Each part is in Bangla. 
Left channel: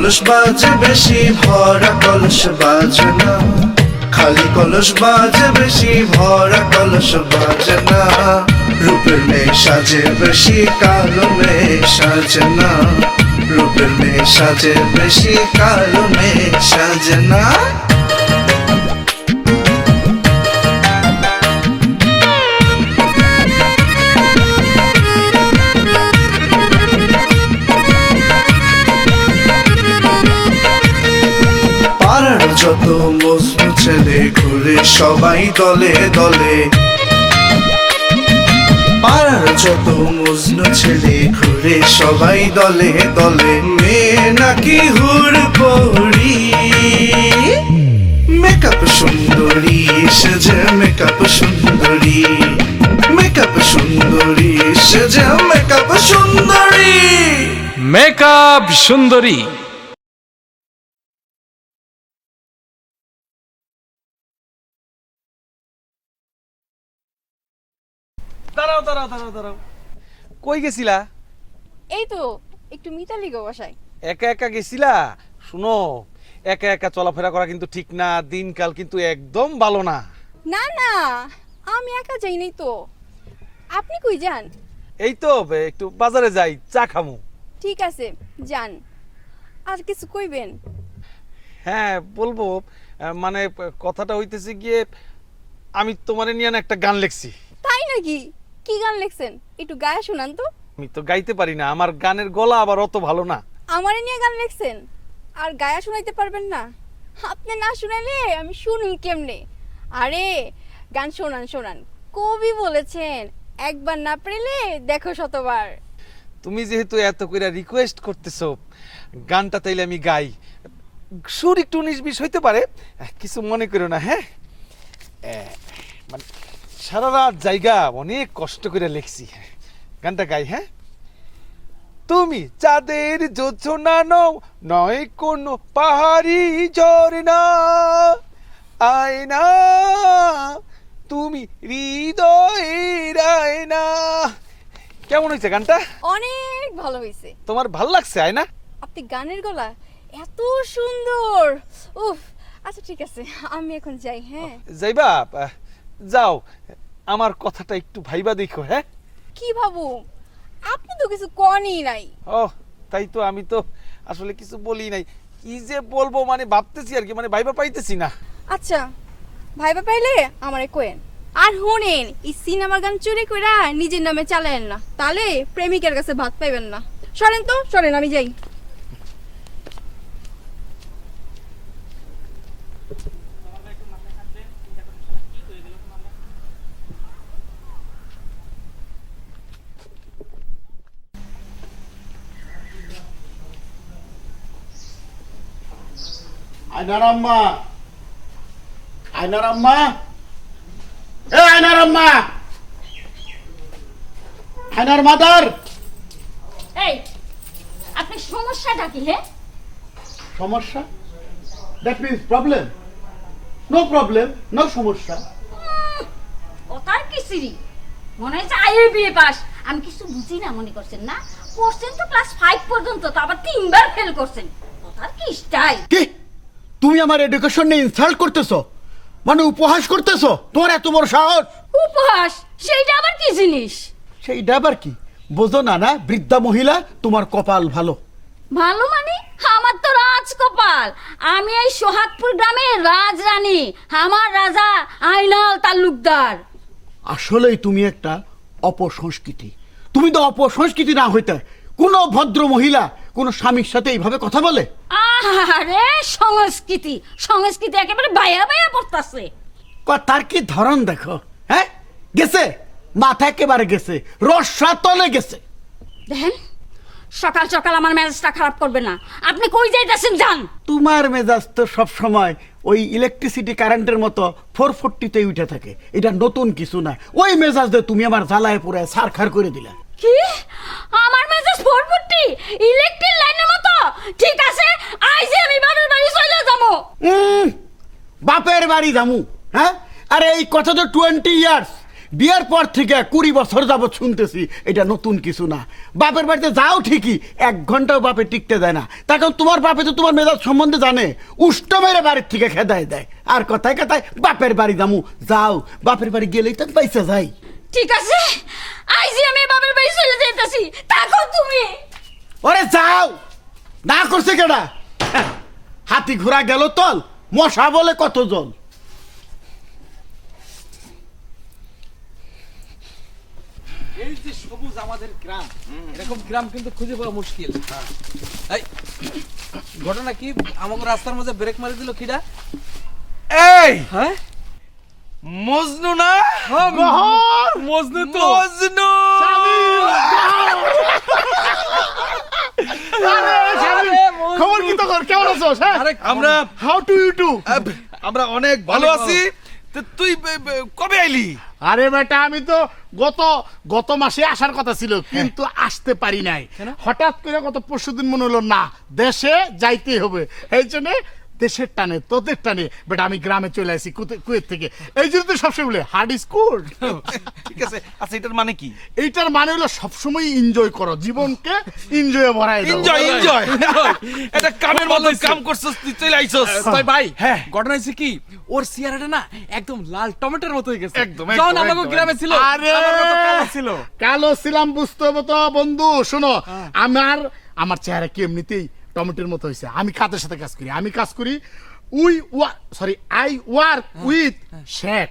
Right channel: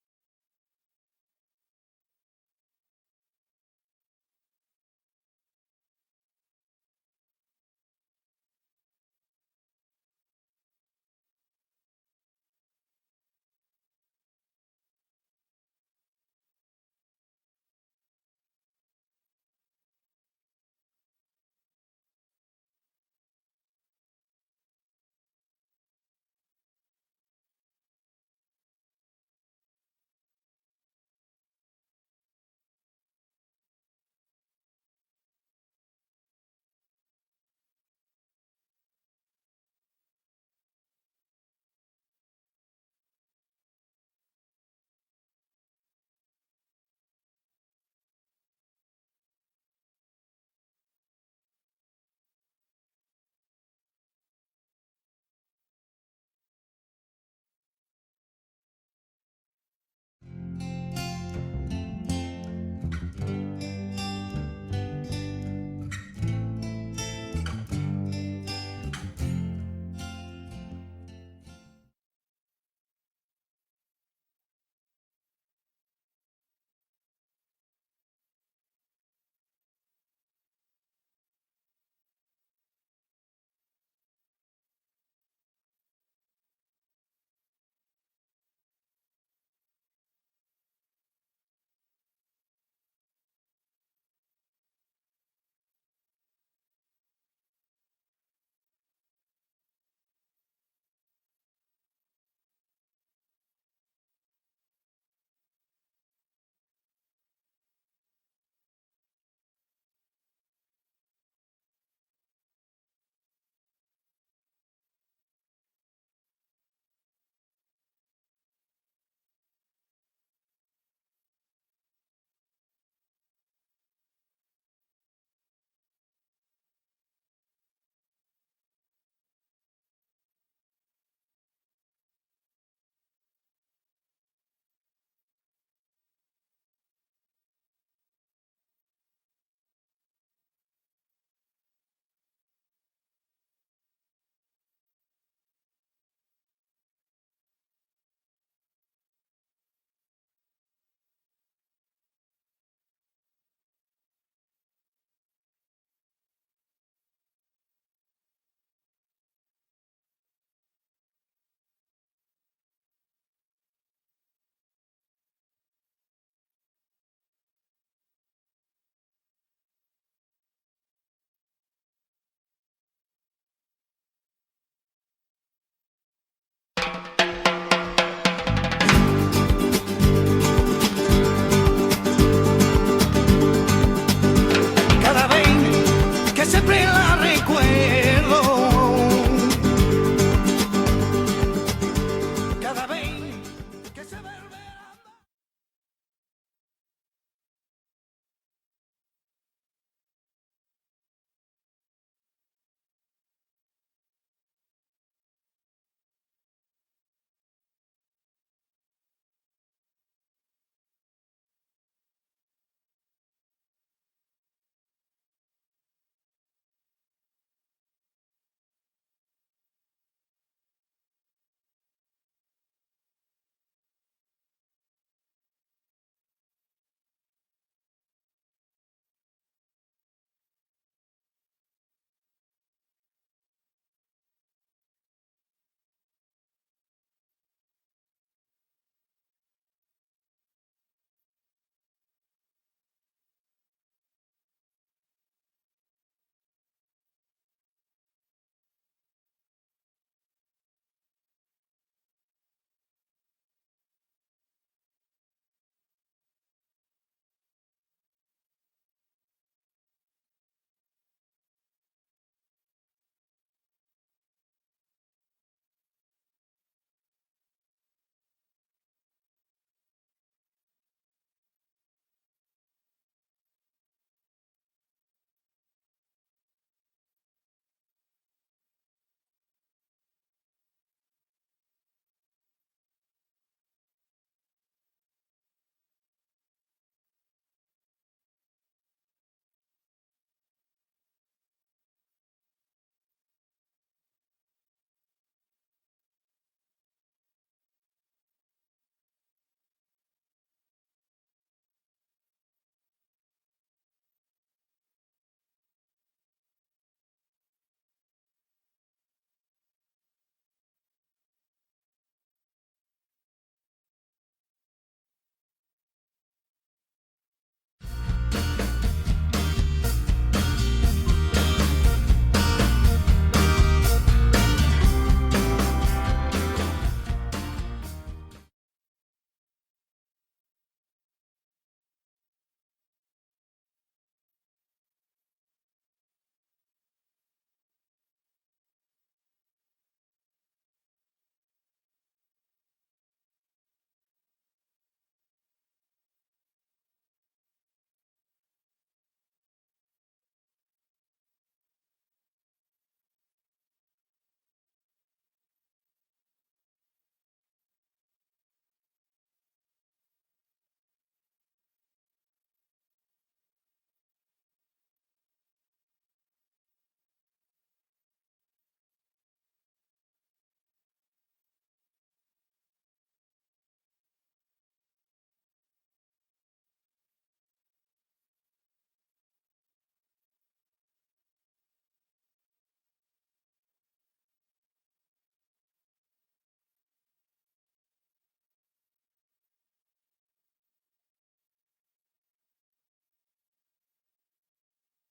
কলস বাজে বেশি ভরা কলস বাজে না, খালি কলস বাজে বেশি ভরা কলস বাজে না। রূপের মেয়ে সাজে বেশি কালো মেয়ে সাজে না, রূপের মেয়ে সাজে বেশি কালো মেয়ে সাজে না। যত মজনু ছেলে ঘুরে সবাই দলে দলে, পাড়ার যত মজনু ছেলে ঘুরে সবাই দলে দলে। মেয়ে নাকি হুর পড়ি, মেকআপ সুন্দরী সেজে মেকআপ সুন্দরী, মেকআপ সুন্দরী সেজে মেকআপ সুন্দরী, মেকআপ সুন্দরী। দাঁড়াও দাঁড়াও দাঁড়াও দাঁড়াও, কই গেছিলা? এই তো একটু মিতালি গো বাসায়। একা একা গেছিলা? শুনো, একা একা চলাফেরা করা কিন্তু ঠিক না, দিনকাল কিন্তু একদম ভালো না। না না, আমি একা যাই নাই তো। আপনি কই যান? এই তো একটু বাজারে যাই, চা খামু। ঠিক আছে যান। আর কিছু কইবেন? হ্যাঁ বলবো, মানে কথাটা হইতেছে গিয়ে, আমি তোমারে নিয়ে না একটা গান লিখছি। তাই নাকি? কি গান লিখছেন? একটু গায়ে শোনান তো। আমি তো গাইতে পারি না, আমার গানের গলা আবার অত ভালো না। আমারে নিয়ে গান লিখছেন আর গায়া শোনাইতে পারবেন না? আপনি না শুনাইলে আমি শুনুন কেমনে? আরে গান শোনান শোনান, কবি বলেছেন একবার না পেলে দেখো শতবার। তুমি যেহেতু এত কইরা রিকোয়েস্ট করতেছো, গানটা তাইলে আমি গাই। সুর একটু 19-20 হইতে পারে, কিছু মনে করো না। হ্যাঁ, মানে সারা রাত জায়গা অনেক কষ্ট করে লিখছি, গানটা গাই। হ্যাঁ, তুমি চাঁদের জোছনা নও, নয় কোনো পাহাড়ি ঝরনা, আয়না তুমি হৃদয়ের আয়না। কেমন হয়েছে গানটা? অনেক ভালো হয়েছে। তোমার ভাল লাগছে আয়না? আপনি গানের গলা এত সুন্দর। উফ, আচ্ছা ঠিক আছে, আমি এখন যাই। হ্যাঁ যাইবা? যাও, আমার কথাটা একটু ভাইবা দেখো। হ্যাঁ, কি ভাবু? আপনি তো কিছু কনই নাই। ও তাই তো, আমি তো আসলে কিছু বলি নাই। কি যে বলবো মানে ভাবতেছি আর কি, মানে ভাইবা পাইতেছি না। আচ্ছা ভাইবা পাইলে আমারে কোয়েন। আর শুনেন, এই সিনেমার গান চুরি কইরা নিজের নামে চালায়েন না, তাহলে প্রেমিকের কাছে ভাত পাইবেন না। চলেন তো, চলেন আমি যাই। Cada vez que siempre la recuerdo, cada vez que se vuelve. আয়নার আম্মা, আয়নার আম্মা, এ আয়নার আম্মা, আয়নার মাদার। এই আপনার সমস্যাটা কি? হে, সমস্যা? That means problem? No problem, no সমস্যা। ওটার কিসিরি মনে হচ্ছে আইএ বিএ পাস। আমি কিছু বুঝি না মনে করছেন না? পড়ছেন তো ক্লাস 5 পর্যন্ত, তো আবার 3বার ফেল করছেন। ওটার কি স্টাইল? কি তুমি আমার এডুকেশন নিয়ে ইনসাল্ট করতেছো, মানে উপহাস করতেছো? তোমার এত বড় সাহস! উপহাস? সেইটা আবার কি জিনিস? সেইটা আবার কি বোঝো না? না বৃদ্ধা মহিলা, তোমার কপাল ভালো। ভালো মানে? আমার তো রাজকপাল। আমি এই সোহাগপুর গ্রামের রাজরানী, আমার রাজা আইনাল তালুকদার। আসলেই তুমি একটা অপসংস্কৃতি। তুমি তো অপসংস্কৃতি না হইতে কোন ভদ্র মহিলা কোন স্বামীর সাথে এইভাবে কথা বলে? আরে সংস্কৃতি, সংস্কৃতি একেবারে বায়া বায়া পড়তাছে। তার কি ধরন দেখো। হ্যাঁ, গেছে মাথা একেবারে গেছে, রসা তলে গেছে। দেখেন, সকাল সকাল আমার মেজাজটা খারাপ করবে না। আপনি কই যাইতেছেন? যান। তোমার মেজাজ তো সব সময় ওই ইলেকট্রিসিটি কারেন্টের মতো 440-তে উঠে থাকে। এটা নতুন কিছু না। ওই মেজাজ দিয়ে তুমি আমার জ্বালায় পুরো ছারখার করে দিলা। কি? আমার মেজাজ 440 ইলেকট্রিক লাইনের মতো? ঠিক আছে, আইজি আমি বাবার বাড়ি চলে যাবো। বাপের বাড়ি যামু? হ্যাঁ, আরে এই কথা তো 20 ইয়ার্স বিয়ের পর থেকে 20 বছর যাবত শুনতেছি এটা নতুন কিছু না। বাপের বাড়িতে যাও ঠিকই, 1 ঘন্টাও বাপে টিকতে দেয় না। তখন তোমার বাপে তো তোমার মেজাজ সম্বন্ধে জানে, উষ্ট মেরে বাড়ির থেকে খেদায় দেয়। আর কথায় কথায় বাপের বাড়ি যামু, যাও বাপের বাড়ি গেলেই তো পয়সা যাই। ঠিক আছে, আইজি আমি বাবার বাড়ি চলে যাইতাছি, থাকো তুমি। ওরে যাও, না করছে কেডা? হাতি ঘোড়া গেল তল, মশা বলে কতজন। গ্রাম কিন্তু খুঁজে পাওয়া মুশকিল। এই ঘটনা কি, আমাকে রাস্তার মধ্যে ব্রেক মারি দিল কিডা? এই হ্যাঁ মজনু না? মজনু তো মজনু। খবর কি তোর, কেমন আছো? আরে আমরা হাউ টু ইউ টু? আমরা অনেক ভালো আছি। তো তুই কবে আইলি? আরে বেটা, আমি তো গত মাসে আসার কথা ছিল, কিন্তু আসতে পারি নাই। হঠাৎ করে গত পরশুদিন মনে হলো না, দেশে যাইতেই হবে। এই জন্য দেশের টানে, তোদের টানে বেটা আমি গ্রামে চলে আসি কুয়েত থেকে। এই জন্য তো সবসময় বলে হার্ড ইজ গুড। ঠিক আছে, আচ্ছা এটার মানে কি? এইটার মানে হলো সবসময় এনজয় করো, জীবনকে এনজয় ভরাই দাও। Enjoy enjoy. এটা কামের মতো কাম করছস, তুই চলে আইছস। তাই ভাই, হ্যাঁ। ঘটনা হয়েছে কি, ওর চেহারাটা না একদম লাল টমেটোর মতো হয়ে গেছে। একদম, যখন একদম, আমাকে একদম, গ্রামে ছিল আরে আমার মতো কালো ছিল। কালো ছিলাম বুঝতে হবে তো বন্ধু। শোনো, আমার চেহারা কি এমনিতেই টমেটোর মতো হয়েছে। আমি কাদের সাথে কাজ করি I work with Sheikh.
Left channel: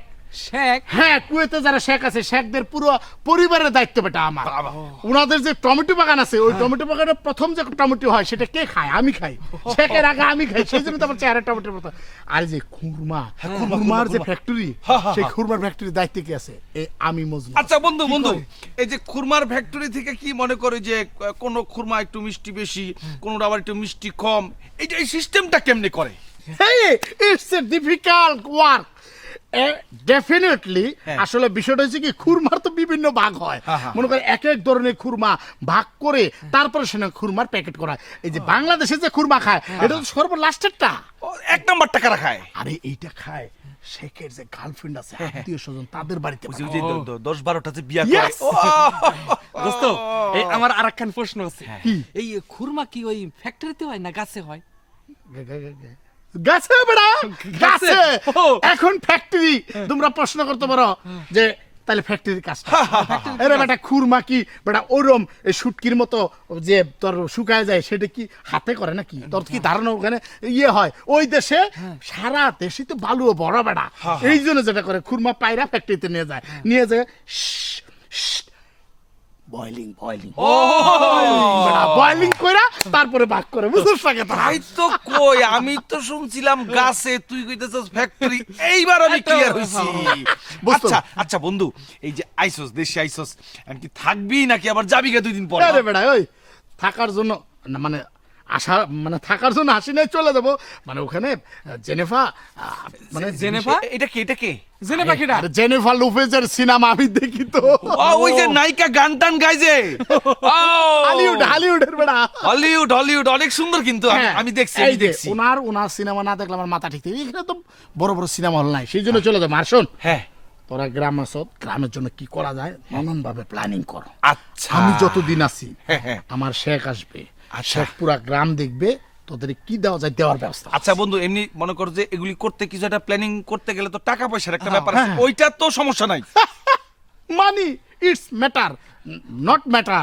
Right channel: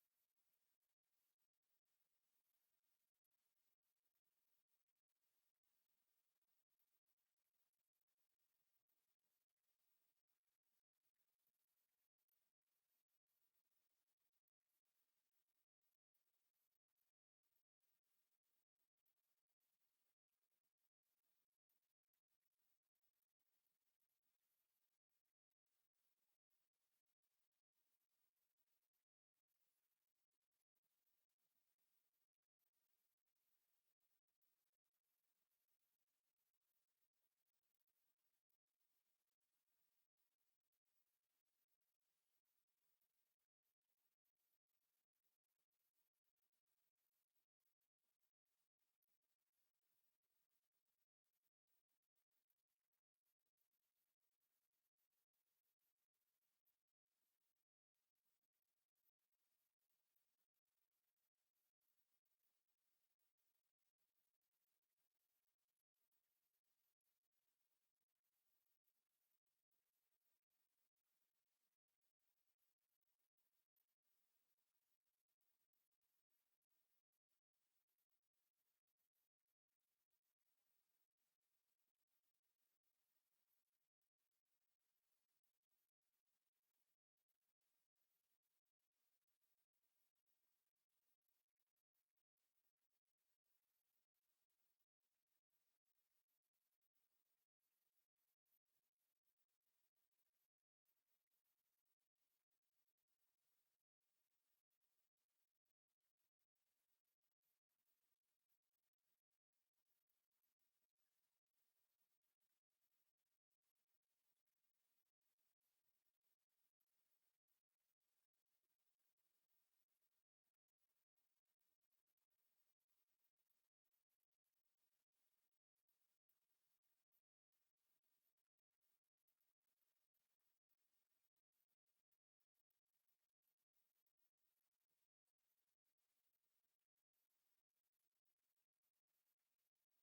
Sheikh? হ্যাঁ, কুয়েতে যারা শেখ আছে, শেখদের পুরো পরিবারের দায়িত্ব বেটা আমার। ওনাদের যে টমেটো বাগান আছে, ওই টমেটো বাগানে প্রথম যে টমেটো হয় সেটা কে খায়? আমি খাই। শেখের আগে আমি খাই, সেই জন্য তো আমার চেহারা টমেটোর মতো। আর যে খুরমার যে ফ্যাক্টরি, সেই খুরমার ফ্যাক্টরির দায়িত্ব কি আছে? আমি মজনু। আচ্ছা বন্ধু, এই যে খুরমার ফ্যাক্টরি থেকে কি মনে করে যে কোন খুরমা একটু মিষ্টি বেশি, কোনটা আবার একটু মিষ্টি কম, এই সিস্টেমটা কেমনে করে? Hey, it's a difficult work. Definitely আসলে বিষয়টা হচ্ছে কি, খুরমার তো বিভিন্ন ভাগ হয়। মনে করে এক এক ধরনের খুরমা ভাগ করে তারপরে সেটা খুরমার প্যাকেট করা হয়। এই যে বাংলাদেশে যে খুরমা খায়, এটা তো সর্বলাস্টেরটা। এক নাম্বার টাকা খায়। আরে এইটা খায় শেখের যে গার্লফ্রেন্ড আছে, আত্মীয় স্বজন, তাদের বাড়িতে। 10-12টা যে বিয়া করে। Yes! দোস্ত, এই আমার আরেকখান প্রশ্ন আছে। এই খুরমা কি ওই ফ্যাক্টরিতে হয় না গাছে হয়? গাছে বেড়া, গাছে। ও। এখন ফ্যাক্টরি তোমরা প্রশ্ন করতে পারো যে তাহলে ফ্যাক্টরির কাজটা। আরে বেটা, খুরমা কি বেটা ওরম শুটকির মতো যে তোর শুকায় যায়, সেটা কি হাতে করে নাকি? তোর কি ধারণা ওখানে ইয়ে হয়? ওই দেশে সারা দেশে তো বালুও বড় বেটা। এই জন্য যেটা করে, খুরমা পায়রা ফ্যাক্টরিতে নিয়ে যায় বয়লিং কইরা তারপরে ভাগ করে। বুঝছিস না কথা? তাই তো কই, আমি তো শুনছিলাম গাছে, তুই কইতেছস ফ্যাক্টরি। এইবার আমি ক্লিয়ার হইছি। আচ্ছা আচ্ছা বন্ধু, এই যে আইছস, দেশে আইছস, কি থাকবি নাকি আবার যাবি গে 2 দিন পর? আরে বেটা, ওই থাকার জন্য না, মানে থাকার জন্য আসি নাই, চলে যাবো। মানে ওখানে জেনেভা, মানে জেনেভা? এটা কে? জেনেভা কিডা? আরে জেনেভা লোপেজের সিনেমা আমি দেখি তো। ওই যে নায়িকা গান টান গায় যে। হলিউডের বেটা। হলিউড অনেক সুন্দর কিন্তু, আমি দেখছি। ওনার সিনেমা না দেখলে আমার মাথা ঠিক থাকে। এখানে তো বড় বড় সিনেমা হল নাই, সেই জন্য চলে যাবো। আর শোন, হ্যাঁ, তোরা গ্রাম আছো, গ্রামের জন্য কি করা যায় নানান ভাবে প্ল্যানিং করো। আচ্ছা আমি যতদিন আছি, হ্যাঁ। আমার শেখ আসবে, আচ্ছা। শেখ পুরা গ্রাম দেখবে, তোদের কি দেওয়া যায় দেওয়ার ব্যবস্থা। আচ্ছা বন্ধু, এমনি মনে কর যে এগুলি করতে কিছু একটা প্ল্যানিং করতে গেলে তো টাকা পয়সার একটা ব্যাপার আছে, ওইটা তো সমস্যা নাই। মানি it's matter, not matter.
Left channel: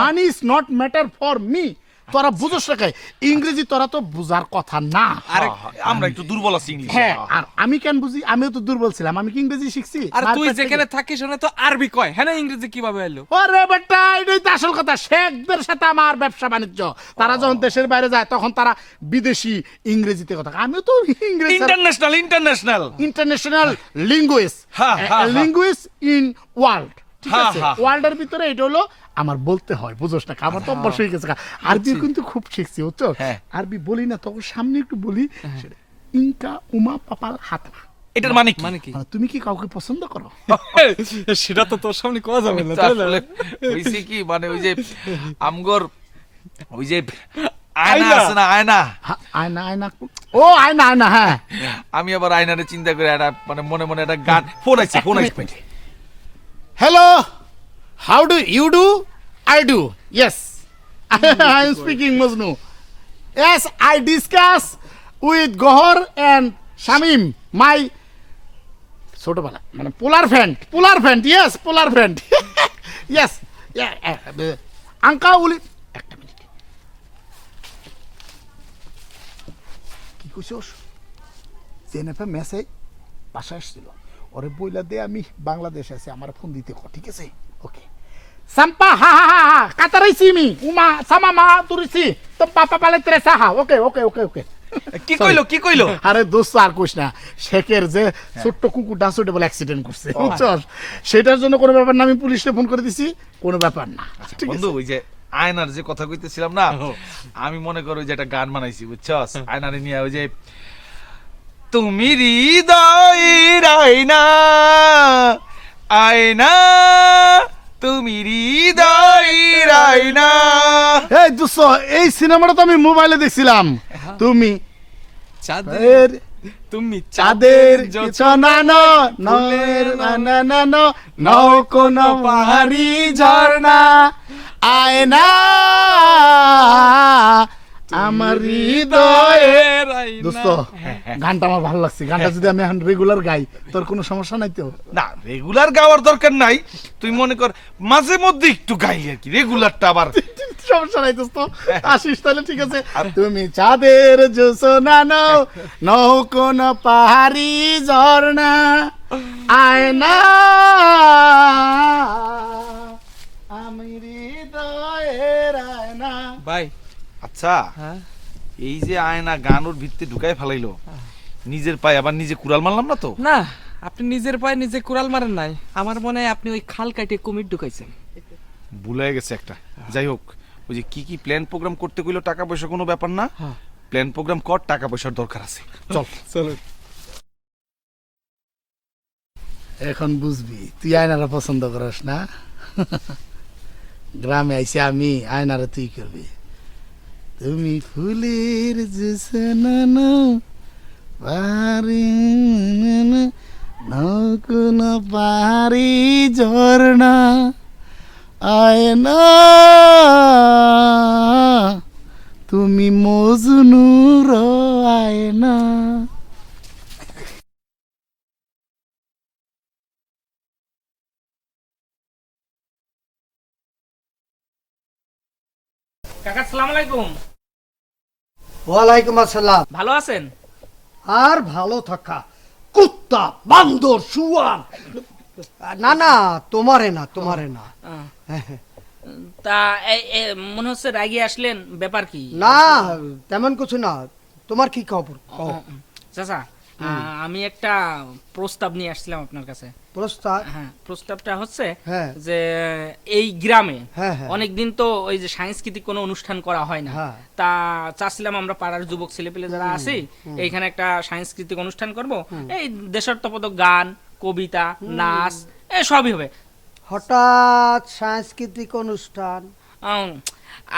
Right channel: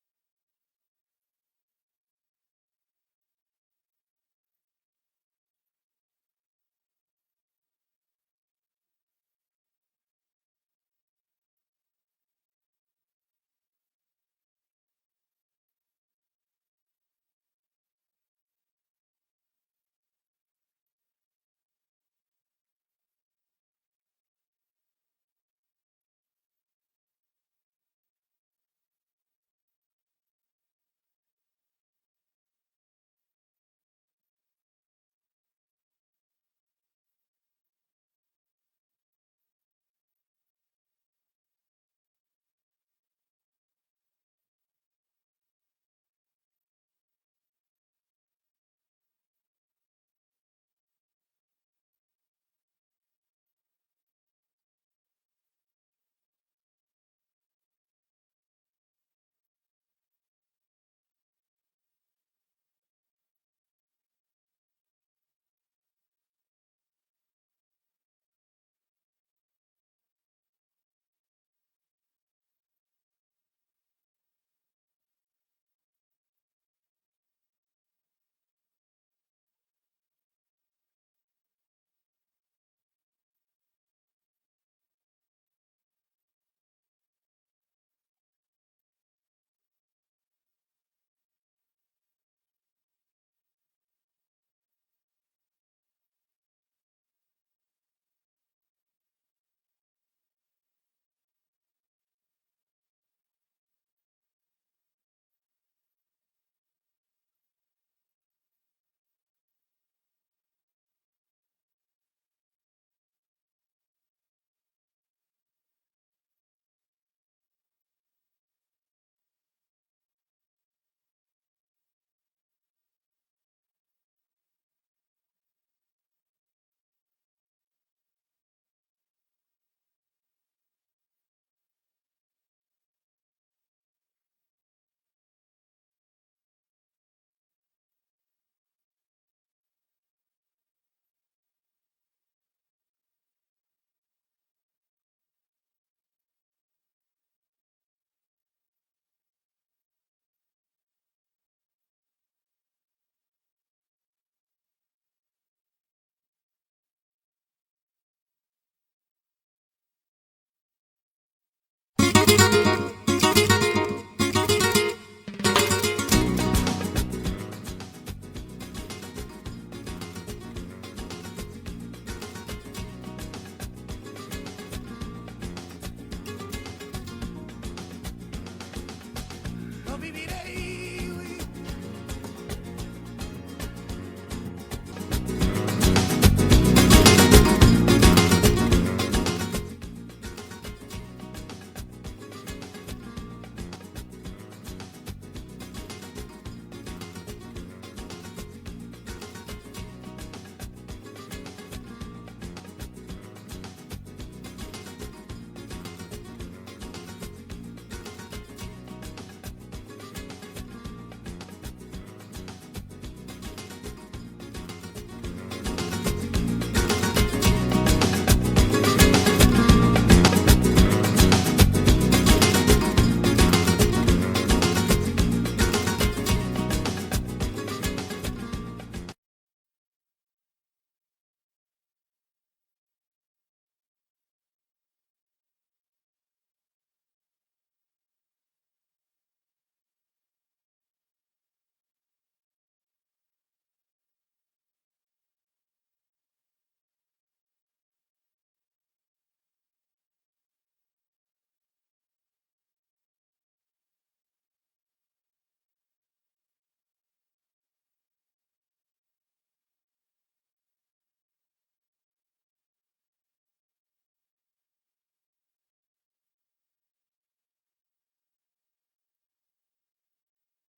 Money is not matter for me. তোরা বুঝোস না কে? ইংরেজি তোরা তো বুঝার কথা না। আরে আমরা একটু দুর্বল আছি ইংলিশে। হ্যাঁ, আর আমি কেন বুঝি? আমিও তো দুর্বল ছিলাম। আমি কি ইংরেজি শিখছি? আর তুই যেখানে থাকিস ওখানে তো আরবি কয়, হ্যাঁ না? ইংরেজি কিভাবে এলো? ওরে বেটা, এটাই তো আসল কথা। শেখদের সাথে আমার ব্যবসা বাণিজ্য, তারা যখন দেশের বাইরে যায় তখন তারা বিদেশি ইংরেজিতে কথা। আমিও তো ইংরেজি international linguist, linguist in world. ঠিক আছে, ওয়ার্ল্ডের ভিতরে এটা হলো আমার বলতে হয়, বুঝোস না? আমার তো অভ্যাস হয়ে গেছে। আরবি কিন্তু খুব শিখছি, বুঝছো? আরবি বলি না, তখন সামনে একটু বলি। ইনকা উমা পাপাল হাতনা। এটার মানে কি? মানে তুমি কি কাউকে পছন্দ করো? সেটা তো তোর সামনে কোয়া যাবে না। হইছে কি, মানে ওই যে আমগর ওই যে আয়না আছে না, আয়না। আয়না, ও আয়না, হ্যাঁ। আমি আবার আয়নারে চিন্তা করে একটা মানে মনে একটা গান ফোন আইছে। Hello, how do you do? I do, yes. I am speaking Majnu. Yes, I discuss with Gohar and Shamim, my ছোটবেলা মানে পোলার ফ্রেন্ড, yes, পোলার ফ্রেন্ড. Yes, yeah, আঙ্কা উলি একটা মিনিট কি কইছস জেনেফা মেসেজ বাসায় আসছিল ওরে বইলা দে আমি বাংলাদেশে আছি আমার ফোন দিতে কো ঠিক আছে ওকে সাম্পা হা হা হা হা কাতারাইছি মি উমা সামা মা তুরিছি তো পাপা পালে তেরেসা হা ওকে কি কইলো আরে দোস্ত আর কইস না শেখের যে ছোট্ট কুকুর ডাসুটে বলে অ্যাক্সিডেন্ট করছে বুঝছস সেটার জন্য কোনো ব্যাপার না আমি পুলিশে ফোন করে দিছি কোনো ব্যাপার না ঠিক আছে বন্ধু ওই যে আয়নার যে কথা কইতেছিলাম না আমি মনে করো যে একটা গান বানাইছি বুঝছস আয়নারে নিয়ে ওই যে তুমি হৃদয়ের আয়না আয়না তুমি হৃদয়ের আয়না এই দোস্ত এই সিনেমাটা তো আমি মোবাইলে দেখছিলাম তুমি চাঁদের তুমি চাঁদের জোছনানো নয়ের নানানো নও কোন পাহাড়ি ঝর্ণা আয়না আমার হৃদয়ের দোস্ত গানটা আমার ভালো লাগছে গানটা যদি আমি এখন রেগুলার গাই তোর কোনো সমস্যা নাই তো না রেগুলার গাওয়ার দরকার নাই তুই মনে কর মাঝে মধ্যে একটু গাই আর কি রেগুলারটা আবার সমস্যা নাই দোস্ত আসিস তাহলে ঠিক আছে তুমি চাঁদের জোছনানো নও কোন পাহাড়ি ঝর্ণা আয়না ভাই আচ্ছা এই যে আয়না গান ওর ভিত্তি ঢুকাই ফেলাইলো নিজের পায়ে আবার নিজে কুড়াল মারলাম না তো না আপনি নিজের পায়ে নিজে কুড়াল মারেন নাই আমার মনে হয় আপনি ওই খাল কাটিয়ে কুমির ঢুকাইছেন ভুলে গেছে একটা যাই হোক ওই যে কি প্ল্যান প্রোগ্রাম করতে কইলো টাকা পয়সা কোনো ব্যাপার না প্ল্যান প্রোগ্রাম কর টাকা পয়সার দরকার আছে এখন বুঝবি তুই আয়নারা পছন্দ করিস না গ্রামে আইসি আমি আয়নারা তুই করবি তুমি ফুলের জোছনানো পারি কোন পারি ঝর্ণা আয়না তুমি মজনুর আয়না কাকা আসসালামু আলাইকুম ওয়ালাইকুম আসসালাম। ভালো আছেন আর ভালো থাকা কুত্তা বান্দর শুয়ার না না তোমারে না তা মনে হচ্ছে রাগি আসলেন ব্যাপার কি না তেমন কিছু না তোমার কি খবর কও। চাচা আমি একটা প্রস্তাব নিয়ে আসছিলাম আপনার কাছে প্রস্তাব হ্যাঁ প্রস্তাবটা হচ্ছে হ্যাঁ। যে এই গ্রামে হ্যাঁ, হ্যাঁ। অনেকদিন তো ওই যে সাংস্কৃতিক কোনো অনুষ্ঠান করা হয় না হ্যাঁ। তা চাচ্ছিলাম আমরা পাড়ার যুবক ছেলেপেলে যারা আছি এইখানে একটা সাংস্কৃতিক অনুষ্ঠান করব এই দেশাত্মবোধক গান কবিতা নাচ সবই হবে হঠাৎ সাংস্কৃতিক অনুষ্ঠান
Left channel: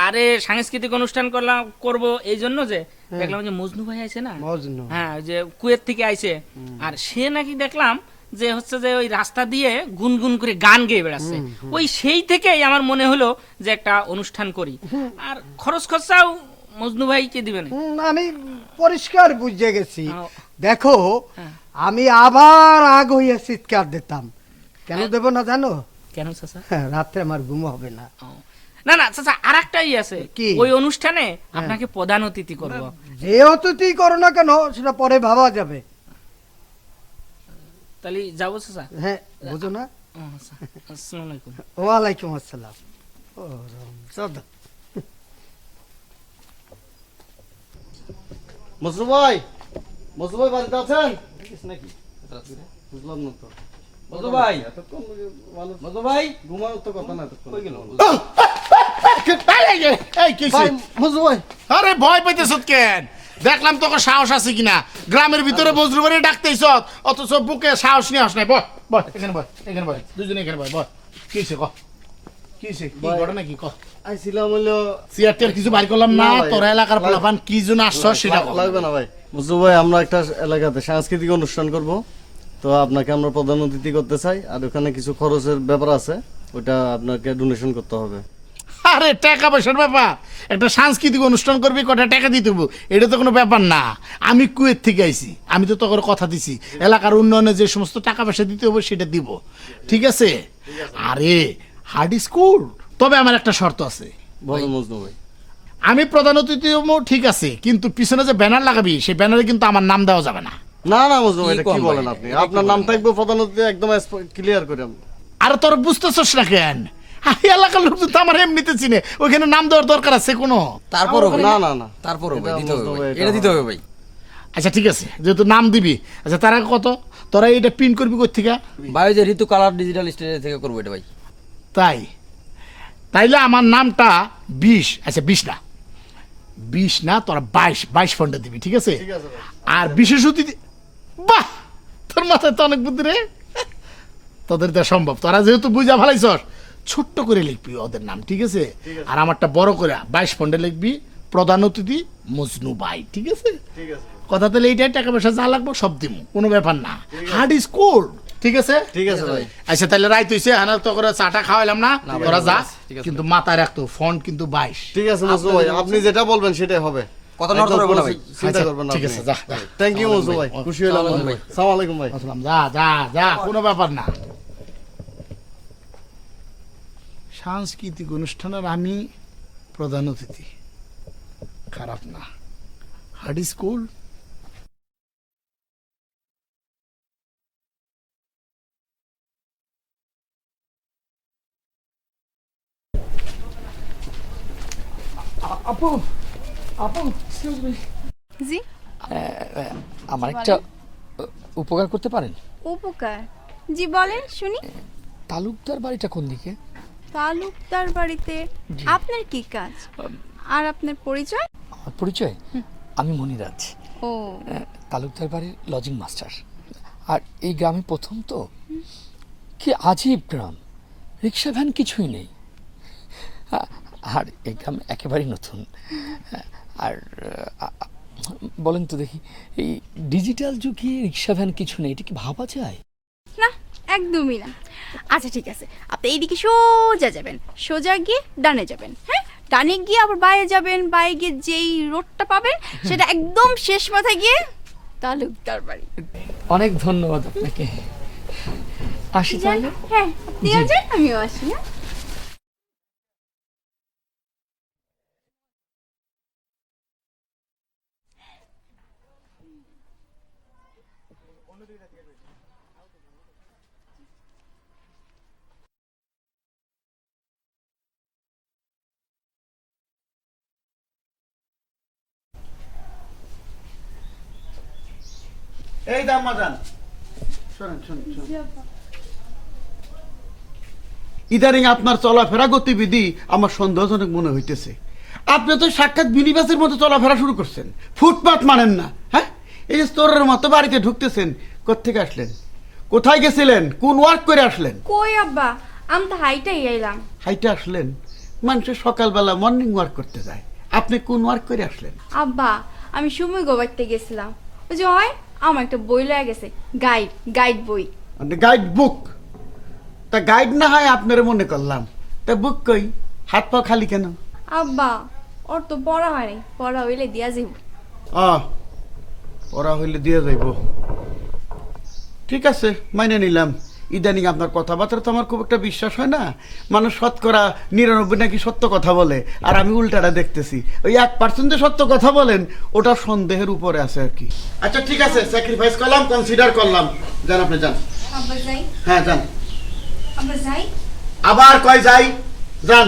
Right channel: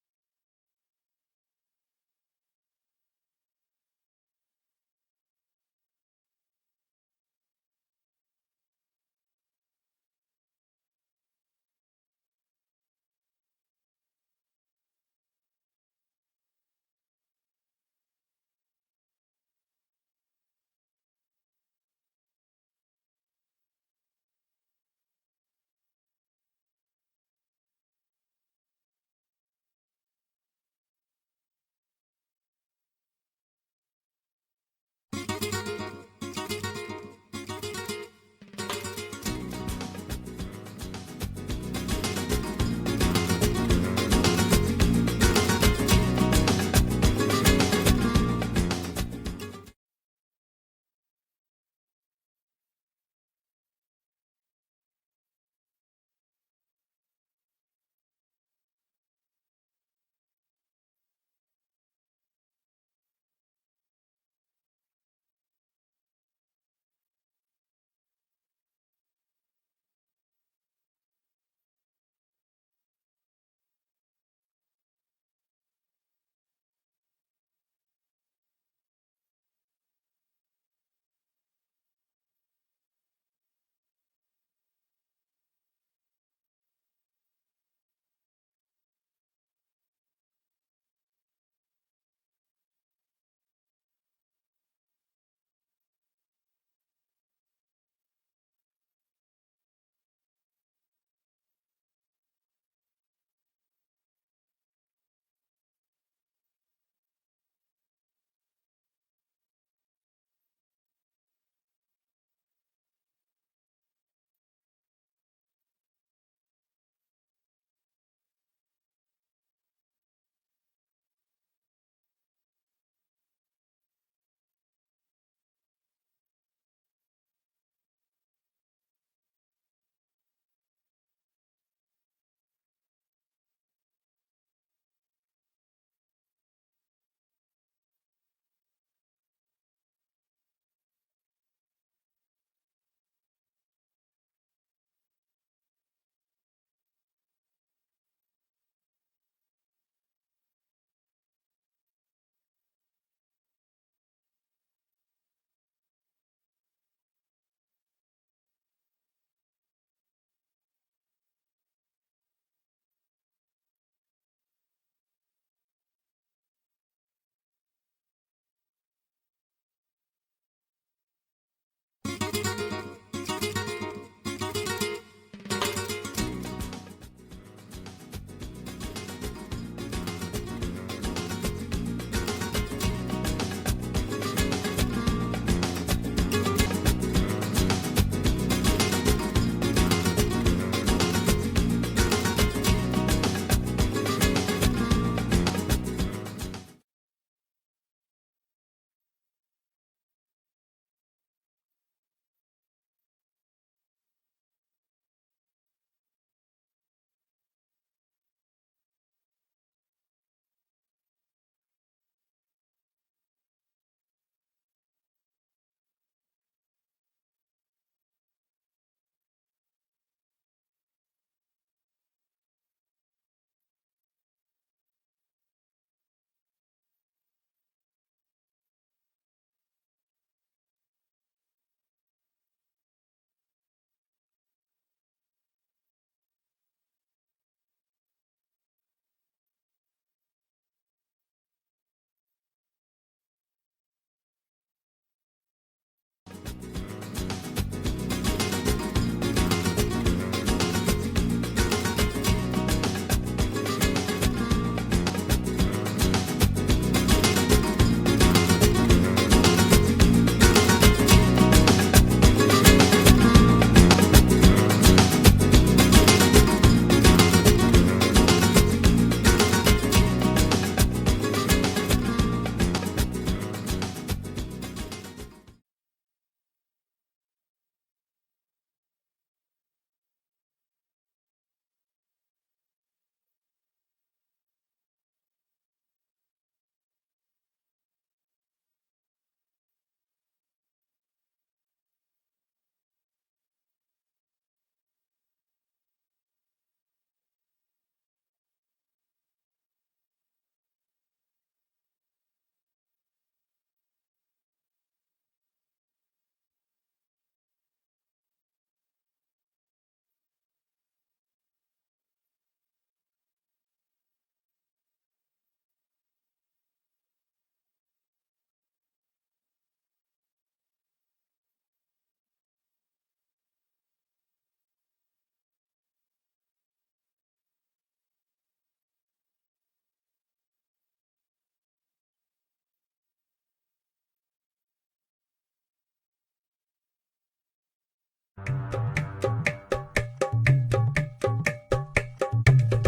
আরে সাংস্কৃতিক অনুষ্ঠান করব এই জন্য যে দেখলাম যে মজনু ভাই আছে না মজনু হ্যাঁ যে কুয়েত থেকে আইছে আর সে নাকি দেখলাম যে হচ্ছে যে ওই রাস্তা দিয়ে গুনগুন করে গান গেয়ে বেড়াচ্ছে ওই সেই থেকেই আমার মনে হলো যে একটা অনুষ্ঠান করি আর খরচ খরচাও মজনু ভাই কে দিবেন আমি পরিষ্কার বুঝে গেছি আও। দেখো আমি আবার আগ হইয়া চিৎকার দিতাম কেন দেব না জানো কেন চাচা হ্যাঁ, রাত্রে আমার ঘুম হবে না ও। না না চাচা আরেকটাই আছে কি? ওই অনুষ্ঠানে আপনাকে প্রধান অতিথি করব যে অতিথি করো না কেন সেটা পরে ভাবা যাবে তাহলে যাবো চাচা হ্যাঁ বুঝো না আসসালামু আলাইকুম। ওয়ালাইকুম আসসালাম মজু ভাই বাড়িতে আছেন নাকি বুঝলাম না তো মধু ভাই মধু ভাই ঘুমাও তো কথা না কই গেল এই কি ভাই মজু ভাই আরে ভয় পাইতেছ কেন দেখলাম তোকে সাহস আছে কিনা গ্রামের ভিতরে বজরু বাড়ি ডাকতেইছ অথচ বুকে সাহস নিয়ে আস নাই বয় এখানে বয় দুজনে এখানে বয় কিছে ক কিছে কি ঘটনা কি ক আইছিলাম হলো সিআরটির কিছু বাইর করলাম না না ভাই, তোর এলাকার পোলাপান কি জন্য আসছ সেটা কর লাগবে না ভাই মজু ভাই আমরা একটা এলাকাতে সাংস্কৃতিক অনুষ্ঠান করব তো আপনাকে আমরা প্রধান অতিথি করতে চাই, আর ওখানে কিছু খরচের ব্যাপার আছে, ওটা আপনাকে ডোনেশন করতে হবে। আরে টাকা পয়সার ব্যাপার, একটা সাংস্কৃতিক অনুষ্ঠান করবি, কটা টাকা দিতে হবো, এটা তো কোনো ব্যাপার না। আমি কুয়েত থেকে আইছি, আমি তো তোকে কথা দিছি এলাকার উন্নয়নে যে সমস্ত টাকা পয়সা দিতে হবে সেটা দিব, ঠিক আছে? আরে হার্ড স্কুল, তবে আমার একটা শর্ত আছে। বলো মজনু ভাই। আমি প্রধান অতিথি হবো, ঠিক আছে, কিন্তু পিছনে যে ব্যানার লাগাবি সেই ব্যানারে কিন্তু আমার নাম দেওয়া যাবে না। না না মজনু ভাই, এটা কি বলেন আপনি? আপনার নাম থাকবে প্রধান অতিথি, একদম ক্লিয়ার করে। আরে তোর বুঝতেছস না কেন? এলাকার লোক তো আমার এমনিতে চিনে, ওইখানে নাম দেওয়ার দরকার আছে কোনো? তারপর না না না, তারপর এটা দিতে হবে মজনু ভাই, ভাই, এটা দিতে হবে ভাই। আচ্ছা ঠিক আছে, যেহেতু নাম দিবি, আচ্ছা তার আগে কত তোরা এটা প্রিন্ট করবি কোথেকে? ভাই যে ঋতু কালার ডিজিটাল স্টেজে থেকে করবো এটা ভাই। তাইলে আমার নামটা 20, আচ্ছা 20 না তোরা 22 ফন্ডে দিবি, ঠিক আছে? আর বিশেষ অতিথি, বাহ তোর মাথায় তো অনেক বুদ্ধি রে, তোদের তো সম্ভব। তোরা যেহেতু বুঝা ভালাইছস, ছোট্ট করে লিখবি ওদের নাম, ঠিক আছে? আর আমারটা বড় করে 22 ফন্ডে লিখবি, প্রধান অতিথি মজনু ভাই, ঠিক আছে? কথা তাহলে এইটাই, টাকা পয়সা যা লাগবে সব দিব, কোনো ব্যাপার না। হার্ড স্কুল, ঠিক আছে? ঠিক আছে ভাই। আচ্ছা তাহলে রাইত হইছে, হ্যাঁ তো করে চাটা খাওয়াইলাম না, তোরা যা, কিন্তু মাথায় রাখতো ফন্ড কিন্তু 22। ঠিক আছে মজনু ভাই, আপনি যেটা বলবেন সেটাই হবে, কথা নড়তে হবে না ভাই। চিন্তা করবেন না। ঠিক আছে, যা থ্যাংক ইউ মজনু ভাই, খুশি হলাম ভাই। আসসালামু আলাইকুম ভাই। যা কোনো ব্যাপার না। সাংস্কৃতিক অনুষ্ঠানের আমি প্রধান অতিথি, খারাপ না। হার্ড স্কুল, জি আমার একটা উপকার করতে পারেন? উপকার? জি বলেন শুনি। তালুকদার বাড়িটা কোন দিকে? তালুকদার বাড়িতে আপনার কি কাজ আর আপনার পরিচয়? আমার পরিচয়, আমি মনিরাজ, ও তালুকদার বাড়ির লজিং মাস্টার। আর এই গ্রামে প্রথম তো, কি আজীব গ্রাম, রিক্সা ভ্যান কিছুই নেই। আর এই গ্রাম একেবারেই নতুন। আর বলেন তো দেখি, এই ডিজিটাল যুগে রিক্সা ভ্যান কিছু নেই, এটা কি ভাবা যায়? না একদমই না। আচ্ছা ঠিক আছে, আপনি এইদিকে সোজা যাবেন, সোজা গিয়ে ডানে যাবেন, হ্যাঁ ডানে গিয়ে আবার বাইরে যাবেন, বাইরে গিয়ে যেই রোডটা পাবেন সেটা একদম শেষ মাথায় গিয়ে তালুকদার বাড়ি। অনেক ধন্যবাদ আপনাকে। আসি তাহলে? হ্যাঁ আপনিও যান, আমিও আসি। হ্যাঁ এই দাম মাজান, শোনেন শোনেন শোনেন, ইদানিং আপনার চলাফেরা গতিবিধি আমার সন্দেহজনক মনে হইতেছে। আপনি তো সাক্ষাৎ মিনিবাসের মতো চলাফেরা শুরু করছেন, ফুটপাত মানেন না। হ্যাঁ এই যে স্টোরের মতো বাড়িতে ঢুকতেছেন, কোত্থেকে আসলেন, কোথায় গেছিলেন, কোন ওয়ার্ক করে আসলেন? কই আব্বা, আমি তো হাইটাই আইলাম। হাইটে আসলেন? মানুষের সকালবেলা মর্নিং ওয়ার্ক করতে যায়, আপনি কোন ওয়ার্ক করে আসলেন? আব্বা আমি সময় গোবাইতে গেছিলাম, ওই যে হয় আমার একটা বই লয়ে গেছে, গাইড বই। মানে গাইড বুক? তা গাইড না হয় আপনার মনে করলাম, তা বুক কই, হাত পা খালি কেন? আব্বা ওর তো পড়া হয়নি, পড়া হইলে দিয়া যাইব। পড়া হইলে দিয়ে যাইব, ঠিক আছে মাইনে নিলাম। ইদানিং আপনার কথাবার্তা তো আমার খুব একটা বিশ্বাস হয় না। মানুষ 99% নাকি সত্য কথা বলে, আর আমি উল্টাটা দেখতেছি। ওই 1% যে সত্য কথা বলেন ওটা সন্দেহের উপরে আছে আর কি। আচ্ছা ঠিক আছে, স্যাক্রিফাইস করলাম, কনসিডার করলাম। যান আপনি যান। আব্বা যাই, হ্যাঁ যান। আব্বা যাই, আবার কয় যাই, যান।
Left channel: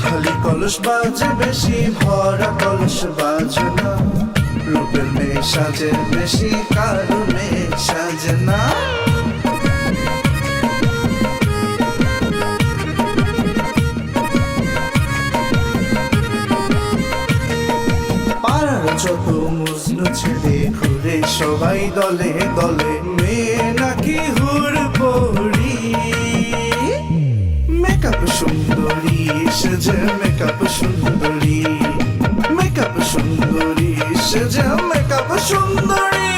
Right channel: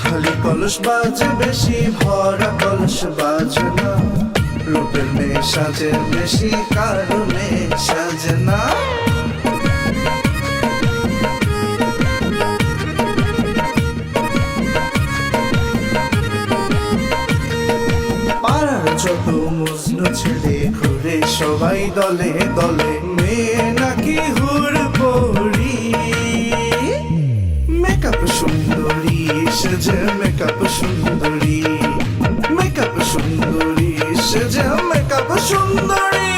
খালি কলস বাজে বেশি, ভরা কলস বাজে না। রূপের মেয়ে সাজে বেশি, কালো মেয়ে সাজে না। পাড়ার যত মজনু ছেলে ঘুরে সবাই দলে দলে, মেয়ে নাকি হুর পড়ি। মেকআপ সুন্দরী সেজে, মেকআপ সুন্দরী, মেকআপ সুন্দরী সেজে মেকআপ সুন্দরী